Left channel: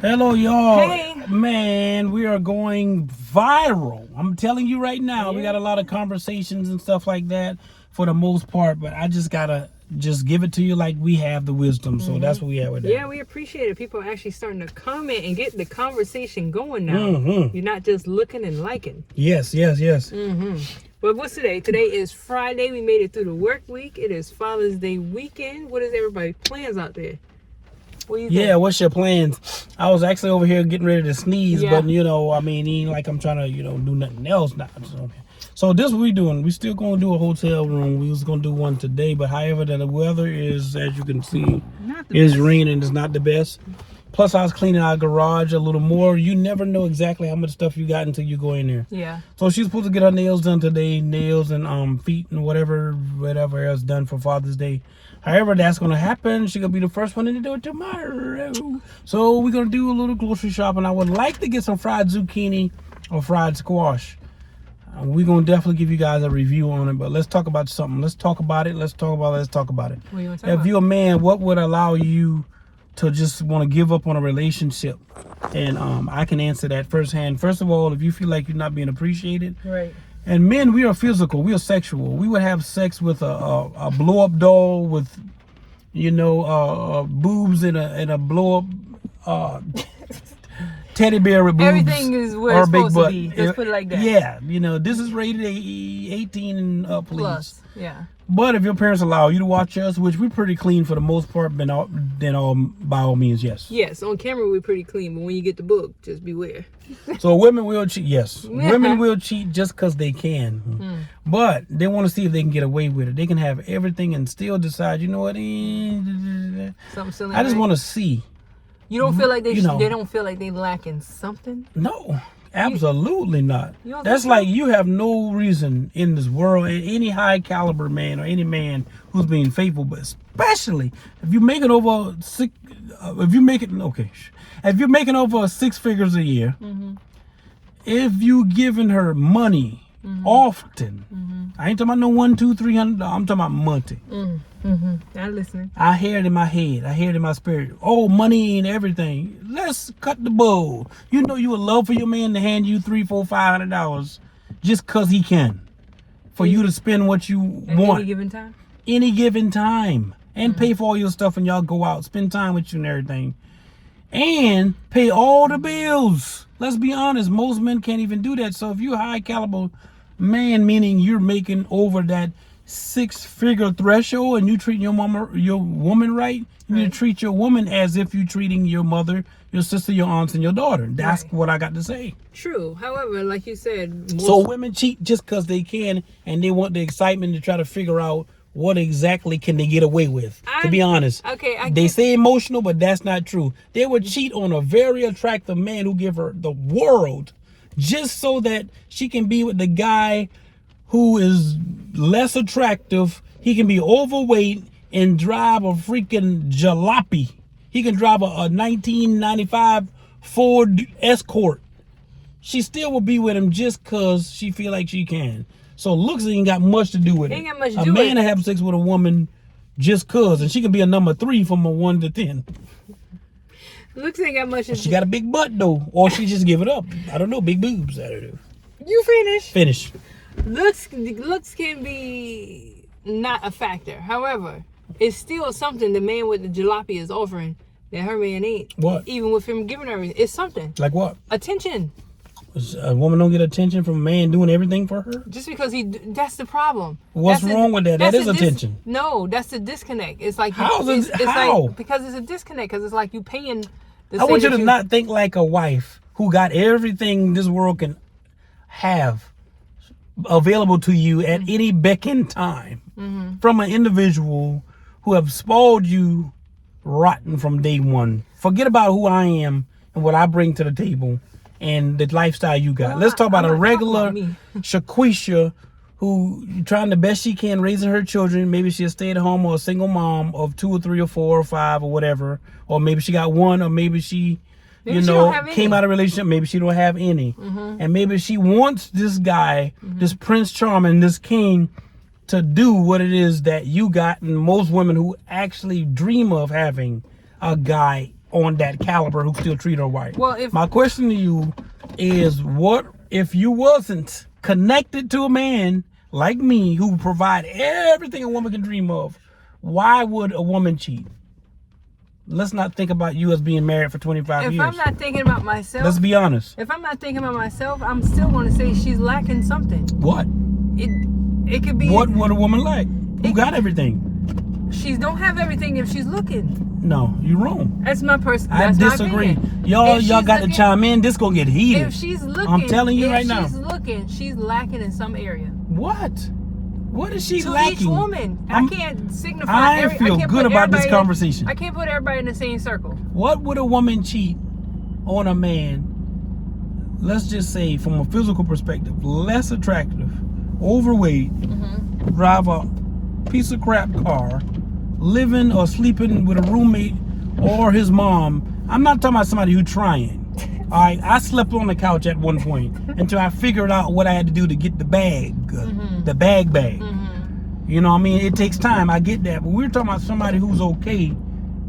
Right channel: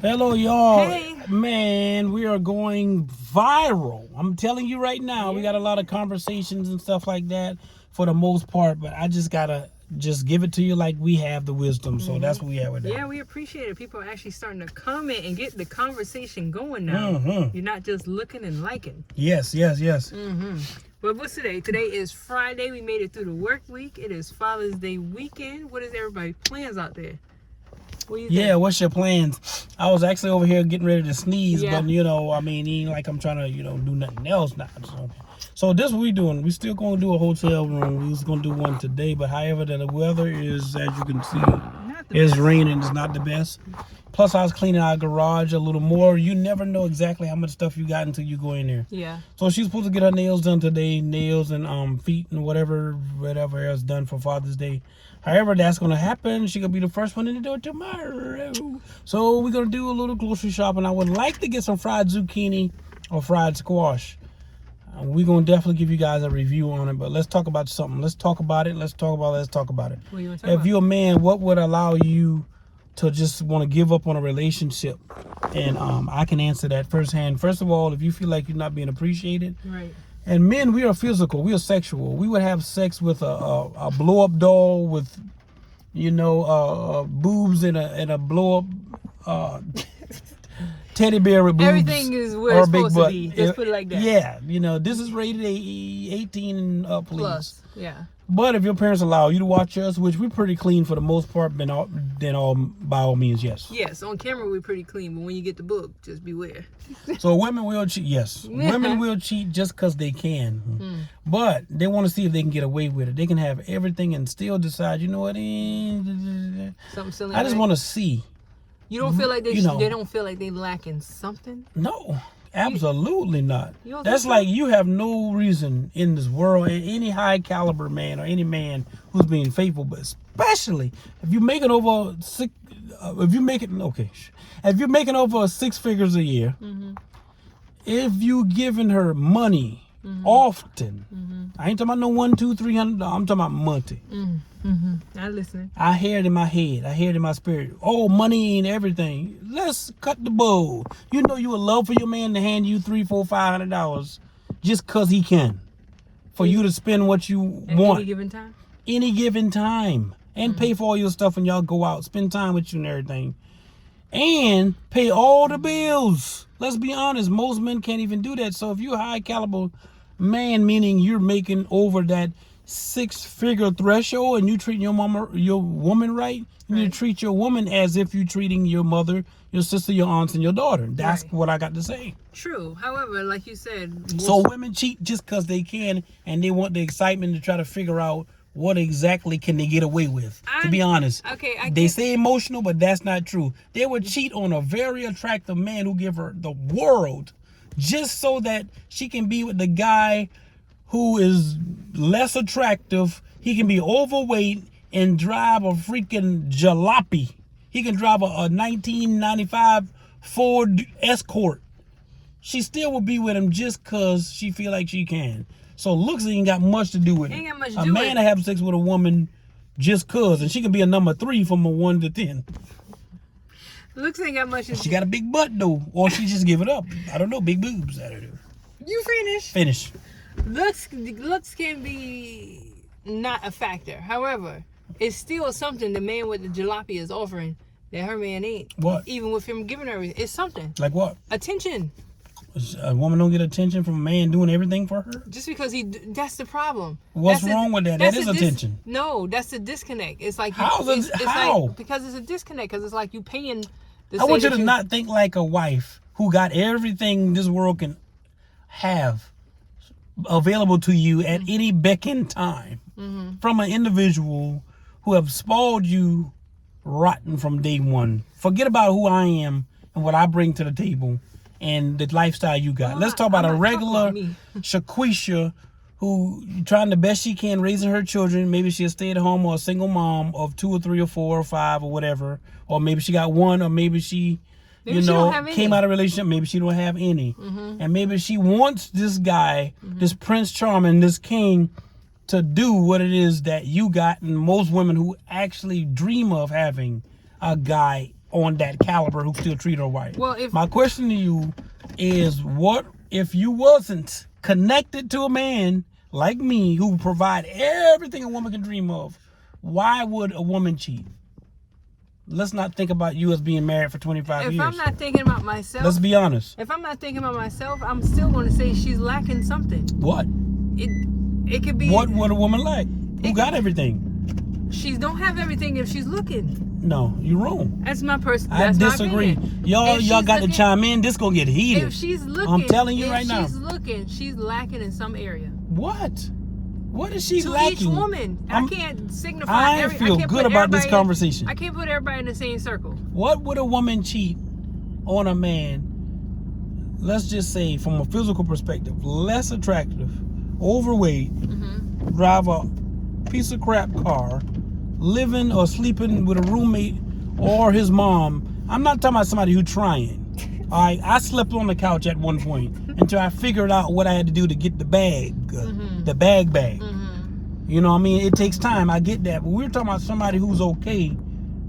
Hello, y'all. Hey. Man, we are going viral. I'm telling you right now, we got a lot of conversations and stuff like that for the most part, but I just gotta just give it to you like we have the wisdom. So that's what we have with that. Yeah, we appreciate it. People are actually starting to comment and get the conversation going now. You're not just looking and liking. Yes. But what's today? Today is Friday. We made it through the work week. It is Father's Day weekend. What is everybody's plans out there? What do you think? Yeah, what's your plans? I was actually over here getting ready to sneeze, Yeah. but I mean, ain't like I'm trying to, do nothing else now. So this what we doing. We still gonna do a hotel room. We was gonna do one today, but however the weather is, as you can see, is raining. It's not the best. Plus, I was cleaning our garage a little more. You never know exactly how much stuff you got until you go in there. Yeah. So she's supposed to get her nails done today, nails and feet and whatever else done for Father's Day. However, that's gonna happen. She's gonna be the first one in to do it tomorrow. So we're gonna do a little grocery shopping. I would like to get some fried zucchini or fried squash. We're gonna definitely give you guys a review on it, but let's talk about something. Let's talk about it. Let's talk about it. What do you want to talk If about? you're a man, what would allow you to just want to give up on a relationship? And I can answer that firsthand. First of all, if you feel like you're not being appreciated, Right. and men, we are physical, we are sexual. We would have sex with a blow up doll with, boobs in a blow up teddy bear with boobs. Everything is where or it's a big supposed butt. to be. Let's put it like that. Yeah, this is rated 18 and up, please. Plus. Yeah. But if your parents allow you to watch us, which we're pretty clean for the most part, then by all means, yes. Yes, on camera we're pretty clean, but when you get the book, just beware. So women will cheat, yes. Women will cheat just because they can. But they want to see if they can get away with it. They can have everything and still decide, you know what? Something silly. I just want to see. You don't feel like they you know. they don't feel like they lacking something? No, absolutely not. You don't That's think so? like you have no reason in this world, any high caliber man or any man who's being faithful, but especially if you're making over if you're making over 6 figures a year, if you giving her money often, I ain't talking about no $100, $200, $300. I'm talking about money. I'm listening. I hear it in my head. I hear it in my spirit. Oh, money and everything. Let's cut the bowl. You know you would love for your man to hand you $300, $400, $500 just cause he can, for you to spend what you want Any given time? any given time, and pay for all your stuff when y'all go out, spend time with you and everything, and pay all the bills. Let's be honest, most men can't even do that. So if you're a high caliber man, meaning you're making over that 6-figure threshold and you treating your woman right, you need to treat your woman as if you're treating your mother, your sister, your aunts, and your daughter. That's what I got to say. True. However, like you said, So women cheat just because they can, and they want the excitement to try to figure out what exactly can they get away with. To be honest, they say emotional, but that's not true. They would cheat on a very attractive man who give her the world just so that she can be with the guy who is less attractive. He can be overweight and drive a freaking jalopy. He can drive a 1995 Ford Escort. She still will be with him just because she feel like she can. So looks ain't got much to do with it. Ain't got much to A do with man to have sex with a woman just cause, and she can be a number 3 from a 1 to 10. looks ain't got much to She got a big butt though, or she just give it up. I don't know, big boobs. I don't know. You finish. Finish. Looks can be not a factor. However, it's still something the man with the jalopy is offering that her man ain't. What? Even with him giving her, it's something. Like what? Attention. A woman don't get attention from a man doing everything for her? Just because that's the problem. What's wrong with that? That is attention. No, that's the disconnect. It's like How? like because it's a disconnect, because it's like you paying. I want you to not think like a wife who got everything this world can have available to you at any beck and time from an individual who have spoiled you rotten from day one. Forget about who I am and what I bring to the table and the lifestyle you got. Well, let's talk about a regular me. Shaquisha who trying the best she can raising her children. Maybe she's a stay-at-home or a single mom of 2 or 3 or 4 or 5 or whatever. Or maybe she got one, or maybe she came out of a relationship. Maybe she don't have any. And maybe she wants this guy, this Prince Charming, this king, to do what it is that you got, and most women who actually dream of having a guy on that caliber who still treat her right. Well, my question to you is, what if you wasn't connected to a man like me who provide everything a woman can dream of? Why would a woman cheat? Let's not think about you as being married for 25 years. If I'm not thinking about myself, let's be honest. If I'm not thinking about myself, I'm still going to say she's lacking something. What? It could be. What would a woman like? Who got everything? She don't have everything if she's looking. No, you're wrong. That's my person. I disagree. Y'all got to chime in. This gonna get heated. If she's looking, I'm telling you right now. If she's looking, she's lacking in some area. What? What is she to lacking? each woman. I can't signify. I feel good about this conversation. I can't put everybody in the same circle. What would a woman cheat on a man? Let's just say, from a physical perspective, less attractive, overweight, drive a piece of crap car, living or sleeping with a roommate or his mom. I'm not talking about somebody who's trying. I slept on the couch at one point until I figured out what I had to do to get the bag, the bag. You know what I mean? It takes time. I get that. But we're talking about somebody who's okay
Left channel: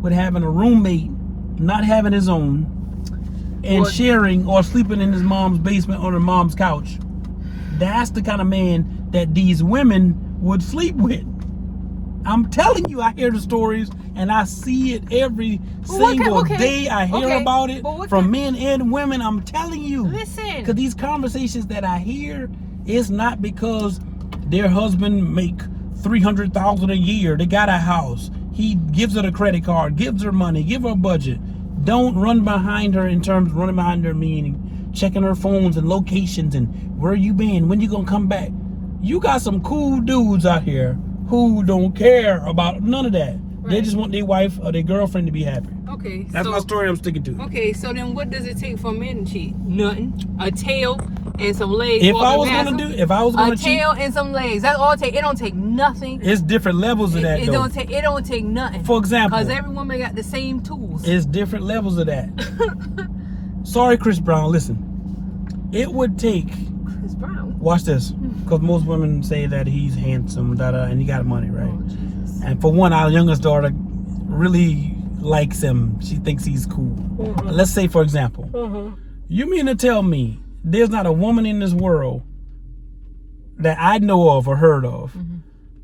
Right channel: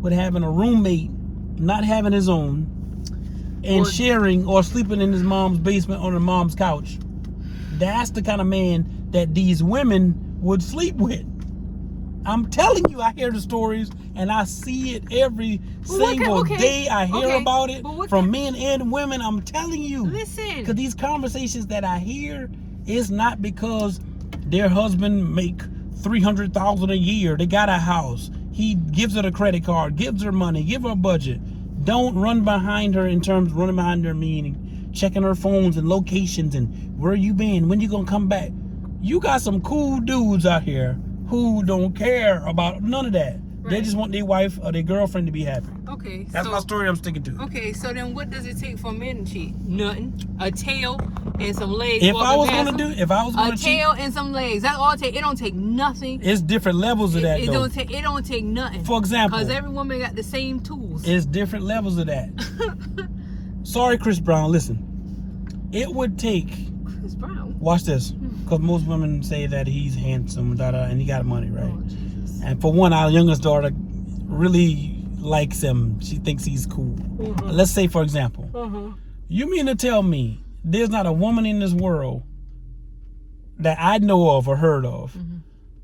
with having a roommate, not having his own, and sharing or sleeping in his mom's basement on her mom's couch. That's the kind of man that these women would sleep with. I'm telling you, I hear the stories and I see it every single day. I hear about it from men and women. I'm telling you. Listen. Because these conversations that I hear is not because their husband make $300,000 a year. They got a house. He gives her the credit card, gives her money, give her a budget. Don't run behind her in terms of running behind her, meaning checking her phones and locations and where you been, when you gonna come back. You got some cool dudes out here who don't care about none of that. Right. They just want their wife or their girlfriend to be happy. Okay. That's my story I'm sticking to. Okay, so then what does it take for men to cheat? Nothing. A tail and some legs. If I was gonna cheat, a tail and some legs. That's all it take. It don't take nothing. It's different levels of that. It don't take nothing. For example, because every woman got the same tools. It's different levels of that. Sorry, Chris Brown. Listen, it would take. Chris Brown. Watch this, because most women say that he's handsome, and he got money, right? Oh, Jesus. And for one, our youngest daughter really likes him. She thinks he's cool. Let's say, for example, you mean to tell me there's not a woman in this world that I know of or heard of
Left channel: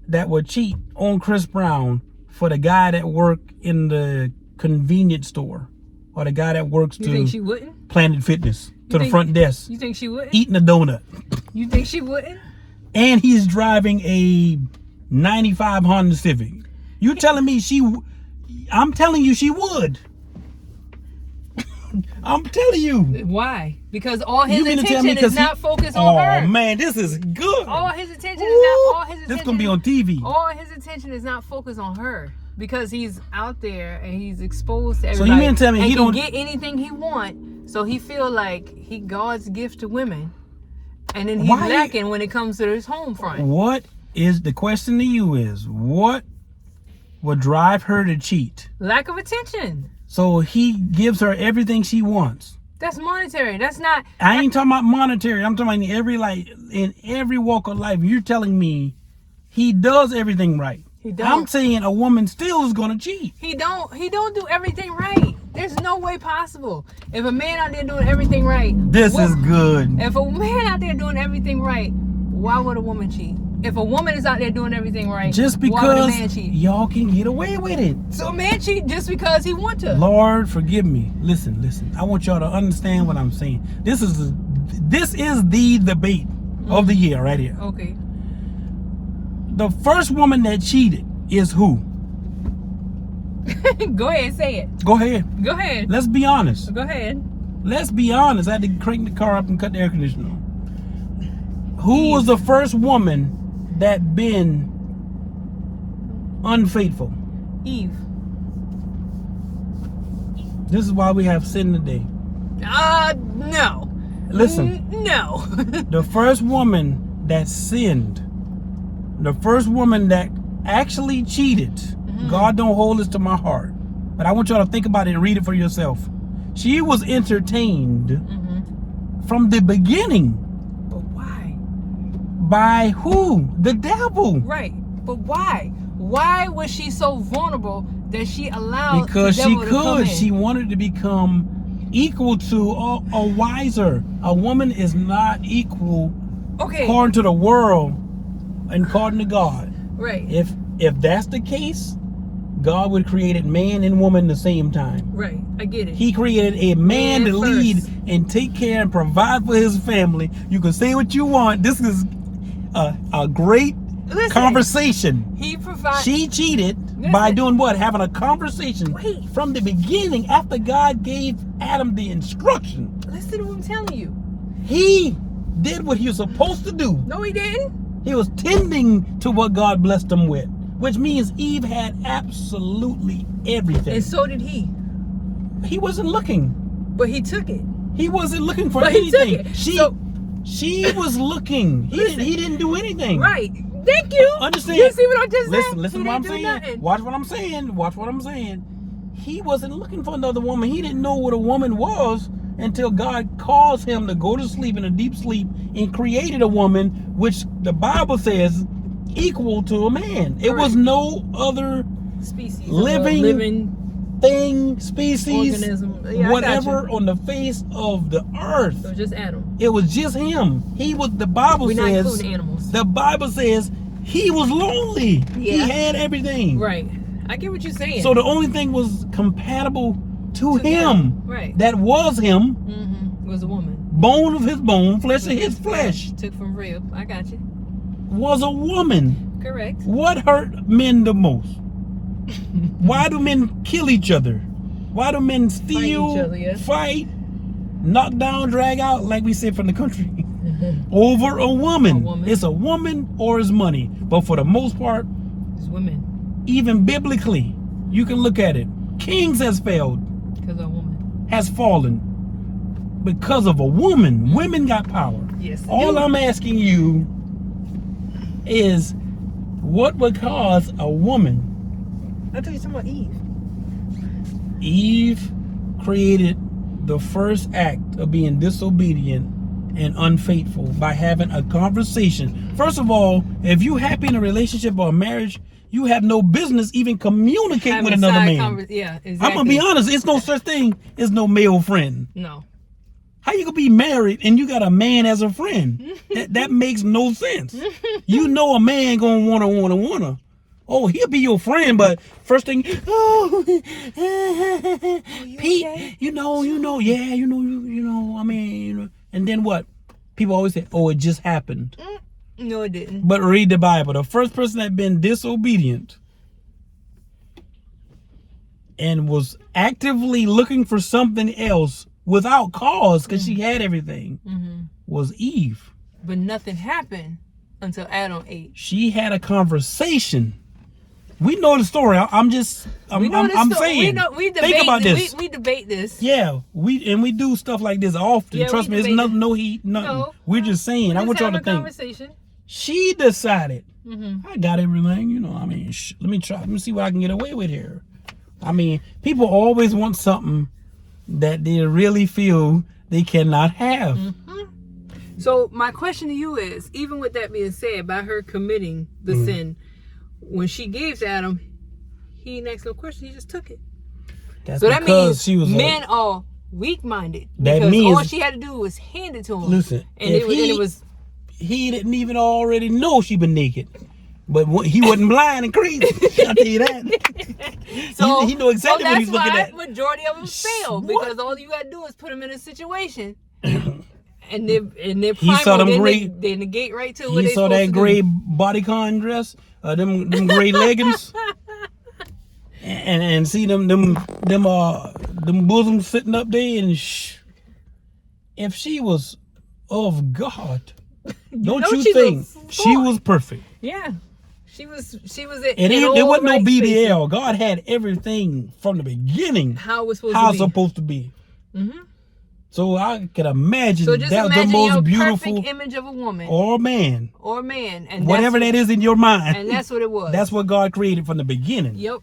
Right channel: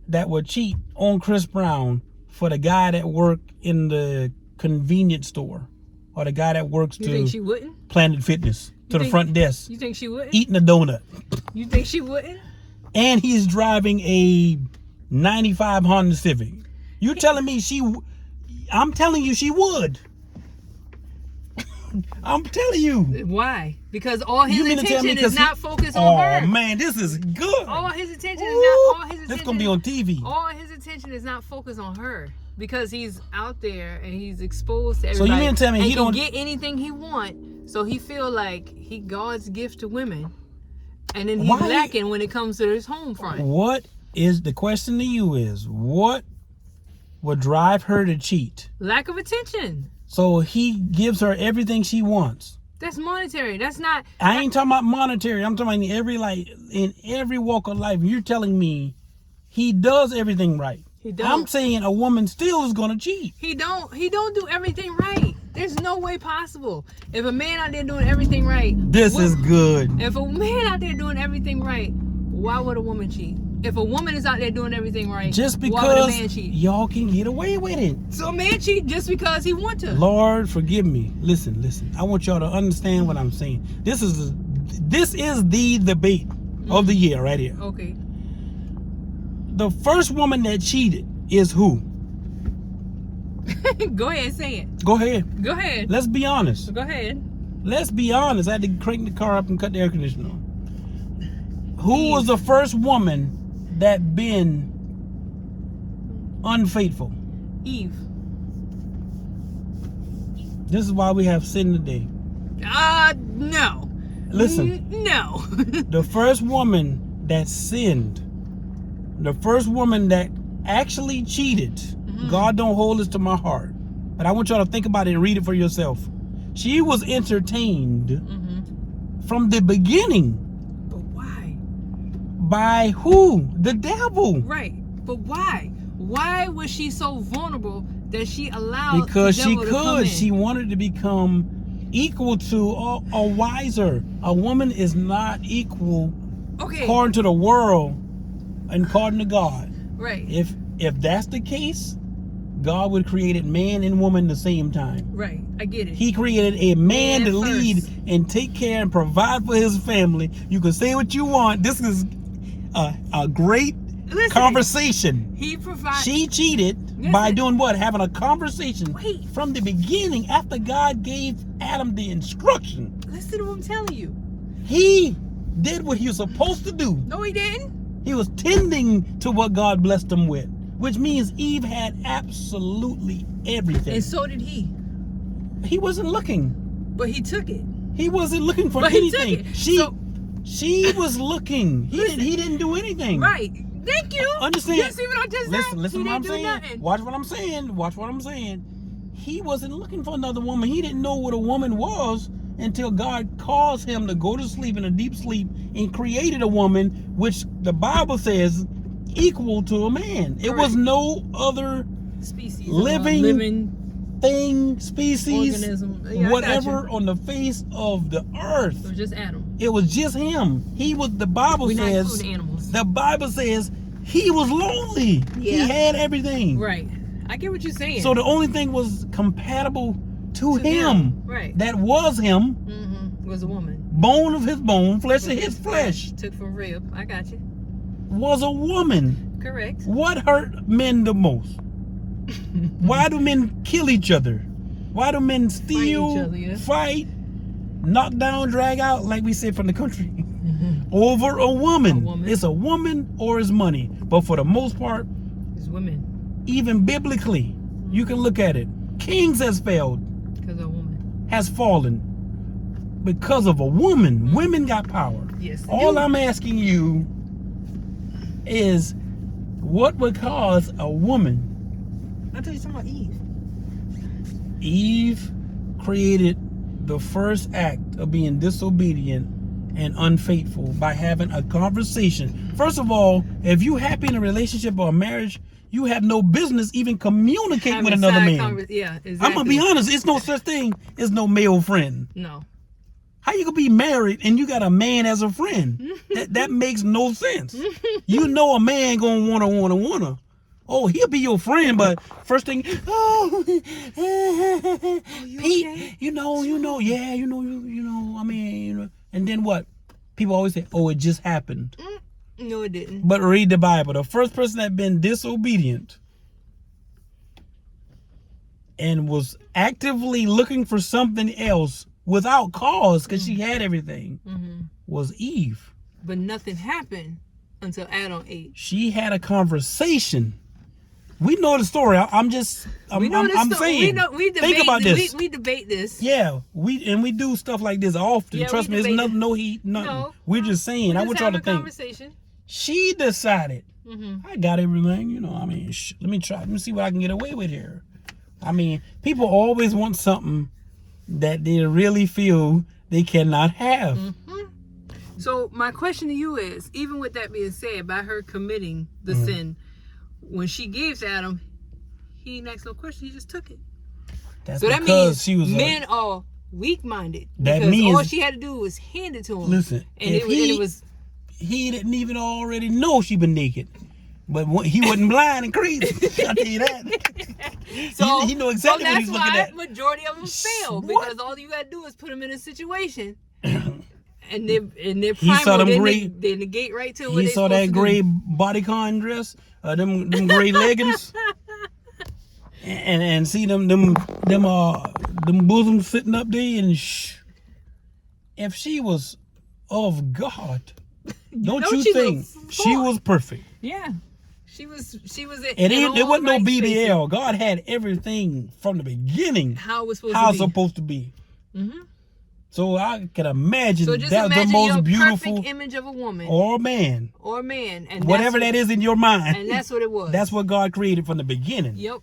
that would cheat on Chris Brown for the guy that worked in the convenience store or the guy that works You think she wouldn't? Planet Fitness to the front desk? You think she wouldn't? Eating a donut. You think she wouldn't? And he's driving a 95 Honda Civic. You telling me I'm telling you she would. I'm telling you. Why? Because all his attention is not focused on her. Oh man, this is good. All his attention is not. That's gonna be on TV. All his attention is not focused on her because he's out there and he's exposed to everybody. So you mean to tell me he don't get anything he want? So he feel like he God's gift to women, and then he's lacking when it comes to his home front. What is the question to you? Is what would drive her to cheat? Lack of attention. So he gives her everything she wants. That's monetary. That's not. I ain't talking about monetary. I'm talking about in every walk of life. You're telling me he does everything right. He don't. I'm saying a woman still is gonna cheat. He don't do everything right. There's no way possible. If a man out there doing everything right, this is good. If a man out there doing everything right, why would a woman cheat? If a woman is out there doing everything right, just because why would a man cheat? Y'all can get away with it. So a man cheat just because he wants to. Lord, forgive me. Listen. I want y'all to understand what I'm saying. This is the debate of the year right here. Okay. The first woman that cheated is who? Go ahead, say it. Go ahead. Go ahead. Let's be honest. Go ahead. Let's be honest. I had to crank the car up and cut the air conditioner on. Who was the first woman that been unfaithful? Eve. This is why we have sin today. No. Listen. No. The first woman that sinned, the first woman that actually cheated, God don't hold this to my heart, but I want y'all to think about it and read it for yourself. She was entertained from the beginning. But why? By who? The devil. Right. But why? Why was she so vulnerable that she allowed because the she devil to come in? could. She wanted to become equal to or wiser. A woman is not equal according to the world and according to God. Right. If that's the case, God would create man and woman the same time. Right. I get it. He created a man to first. lead and take care and provide for his family. You can say what you want. This is a great conversation. He provided. She cheated by doing what? Having a conversation from the beginning after God gave Adam the instruction. Listen to what I'm telling you. He did what he was supposed to do. No, he didn't. He was tending to what God blessed him with, which means Eve had absolutely everything. And so did he. He wasn't looking. But he took it. He wasn't looking for anything. He took it. She was looking. He didn't do anything. Right. Thank you. Understand? You see what I just said? Listen to what I'm saying. Nothing. Watch what I'm saying. Watch what I'm saying. He wasn't looking for another woman. He didn't know what a woman was until God caused him to go to sleep in a deep sleep and created a woman, which the Bible says equal to a man. It was no other species, living thing, species, organism, whatever on the face of the earth. It was just Adam. It was just him. He was. The Bible We're says. not including animals. The Bible says he was lonely. Yeah. He had everything. Right. I get what you're saying. So the only thing was compatible to him. Right. That was him. Was a woman. Bone of his bone, flesh of his flesh. Took from rib. I got you. Was a woman. Correct. What hurt men the most? Why do men kill each other? Why do men steal, fight, knock down, drag out, like we said from the country, over a woman? It's a woman or it's money. But for the most part, it's women. Even biblically, you can look at it. Kings has failed. Because of a woman. Has fallen. Because of a woman. Women got power. Yes. All I'm asking you is, what would cause a woman? I thought you were talking about Eve. Eve created the first act of being disobedient and unfaithful by having a conversation. First of all, if you're happy in a relationship or a marriage, you have no business even communicating with another man. Yeah, exactly. I'm gonna be honest, it's no such thing as no male friend. No. How you gonna be married and you got a man as a friend? that makes no sense. You know a man gonna wanna. Oh, he'll be your friend, but first thing, Pete, okay? you know, I mean, and then what? People always say, oh, it just happened. No, it didn't. But read the Bible. The first person that been disobedient and was actively looking for something else without cause, because she had everything, was Eve. But nothing happened until Adam ate. She had a conversation. We know the story. I'm saying. We debate, think about this. We debate this. Yeah, we do stuff like this often. Yeah, trust me, it's no heat, nothing. No, we're just saying. I want y'all to think. She decided. I got everything. You know, I mean, let me try. Let me see what I can get away with here. I mean, people always want something that they really feel they cannot have. So my question to you is, even with that being said, by her committing the sin, when she gave to Adam, he didn't ask no question. He just took it. So that means men are weak-minded. Because all she had to do was hand it to him. Listen, he didn't even already know she was naked. But he wasn't blind and crazy. I'll tell you that. So he knew exactly what he's looking at. That's why majority of them fail. Because all you got to do is put them in a situation. And they're primal, they negate right to what he saw that gray bodycon dress, them gray leggings, and see them bosoms sitting up there, and if she was of God, don't you think she was perfect? Yeah, she was. It wasn't no BBL. God had everything from the beginning. How it's supposed to be. So I can imagine that was the most beautiful image of a woman or a man, and whatever that is in your mind. And that's what it was. That's what God created from the beginning. Yep.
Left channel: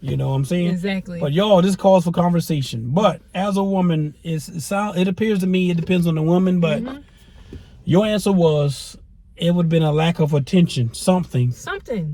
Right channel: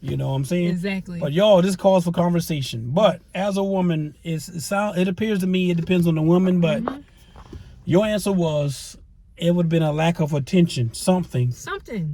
You know what I'm saying? Exactly. But y'all, this calls for conversation. But as a woman, it appears to me it depends on the woman. But your answer was It would have been a lack of attention, something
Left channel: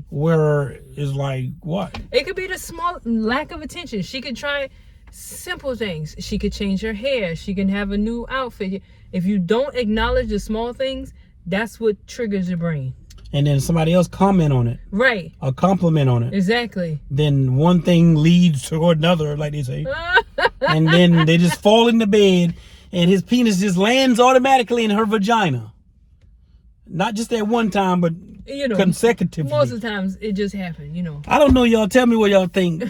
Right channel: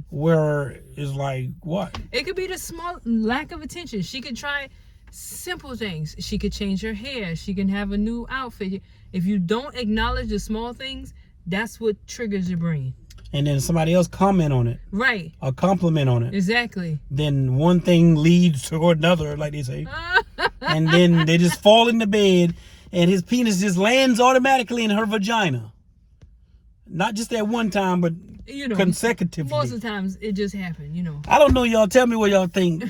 where it's like, what? It could be the small lack of attention. She could try simple things. She could change her hair. She can have a new outfit. If you don't acknowledge the small things, that's what triggers your brain. And then somebody else comment on it. Right. A compliment on it. Exactly. Then one thing leads to another, like they say. And then they just fall in the bed and his penis just lands automatically in her vagina. Not just at one time, but consecutively. Most of the times it just happened, I don't know, y'all. Tell me what y'all think.